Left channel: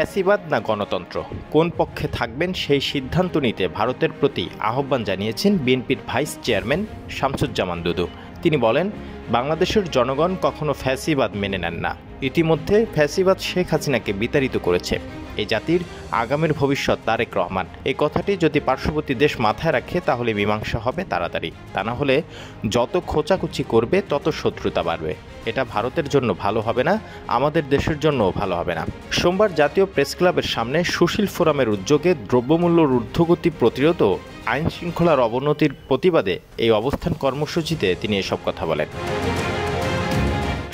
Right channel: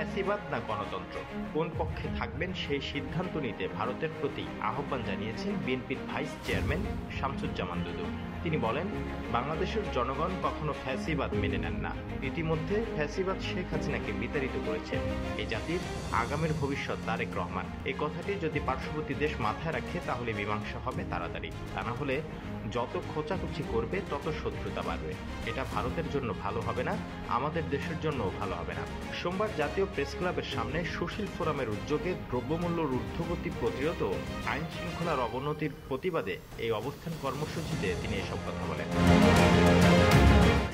ফ্যাসিবাদ না গণতন্ত্র, কোন পক্ষে থাকবেন সেই সিদ্ধান্ত নিতে ভারতের প্রতি আহ্বান জানিয়েছেন বিএনপির ভাইস চেয়ারম্যান শামসুজ্জামান দুদু। তিনি বলেন, বাংলাদেশের জনগণ কখনো ফ্যাসিবাদ মেনে নেন না। ইতিমধ্যে ফ্যাসিবাদ শেখ হাসিনাকে বিতাড়িত করেছে। এই জাতির আগামীর ভবিষ্যৎ তারেক রহমান। এই কথাটি যদি পার্শ্ববর্তী দেশ মাথায় রাখে তাহলে মীমাংসা হবে তাড়াতাড়ি। তা না হলে যত খোঁচাখুচি করবে তত শত্রুতা বাড়বে। এটা ভারতের জন্য ভালো হবে না, আমাদের দেশের জন্যও ভালো হবে না। সোমবার জাতীয় প্রেস ক্লাবের সামনে সুশীল ফোরামের উদ্যোগে দ্রব্যমূল্যর ঊর্ধ্বগতি প্রতিরোধ ও আইন শৃঙ্খলার অবনতির প্রতিবাদে এই অবস্থান কর্মসূচিতে তিনি এসব কথা বলেন।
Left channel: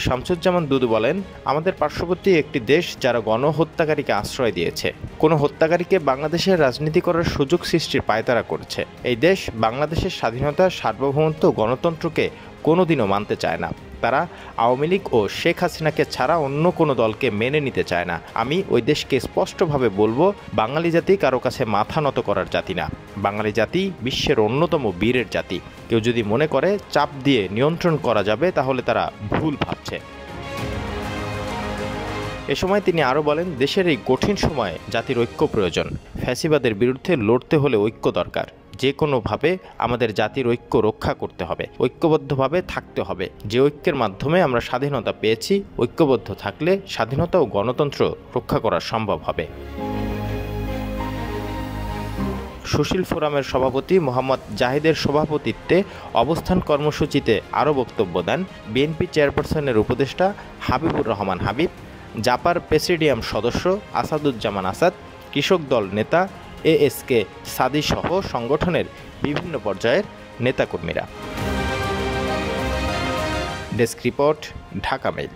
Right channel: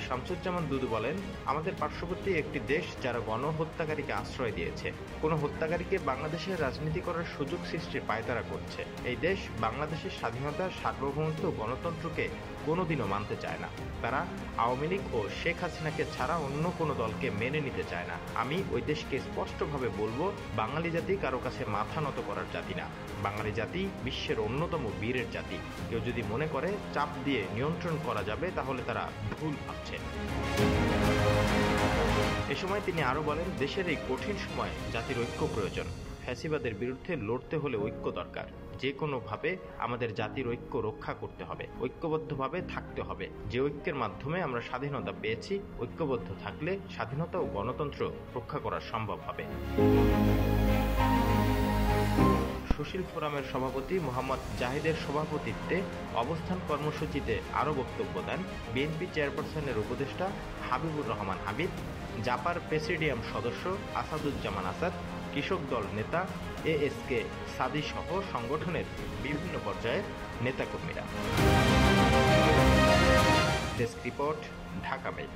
শামসুজ্জামান দুদু বলেন, আমাদের পার্শ্ববর্তী একটি দেশ যারা গণহত্যাকারীকে আশ্রয় দিয়েছে, কোনো হত্যাকারীকে বাংলাদেশের রাজনীতি করার সুযোগ সৃষ্টির পায়তারা করছে। এই দেশ বাংলাদেশের স্বাধীনতা, সার্বভৌমত্ব, গণতন্ত্রকে কোনোদিনও মানতে চায় না। তারা আওয়ামী লীগ ও শেখ হাসিনাকে ছাড়া অন্য কোনো দলকে মেনে নিতে চায় না। আমি ওই দেশকে স্পষ্টভাবে বলবো, বাঙালি জাতি কারো কাছে মাথা নত করার জাতি না। বাঙালি জাতি বিশ্বের অন্যতম বীরের জাতি। কেউ যদি মনে করে চাপ দিয়ে নিয়ন্ত্রণ করা যাবে তাহলে তারা ভুল ভাবছে। এ সময় তিনি আরও বলেন, দেশের এই কঠিন সময়ে জাতির ঐক্য প্রয়োজন। ফ্যাসিবাদের বিরুদ্ধে লড়তে হলে ঐক্য দরকার। যে কোনোভাবে আমাদের জাতির ঐক্য রক্ষা করতে হবে, ঐক্যবদ্ধভাবে থাকতে হবে। যে ঐক্যের মাধ্যমে আমরা স্বাধীনতা পেয়েছি, ঐক্যবদ্ধ থাকলে স্বাধীনতা ও গণতন্ত্র রক্ষা করা সম্ভব হবে। সুশীল ফোরামের সভাপতি মোহাম্মদ জাহিদের সভাপতিত্বে অবস্থান কর্মসূচিতে আরও বক্তব্য দেন বিএনপি চেয়ারপারসনের উপদেষ্টা হাবিবুর রহমান হাবিব, জাপার প্রেসিডিয়াম সদস্য আসাদুজ্জামান আসাদ, কৃষক দল নেতা এএসকে সাদি সহ সংগঠনের বিভিন্ন পর্যায়ের নেতাকর্মীরা। Desk report, Dhaka mail.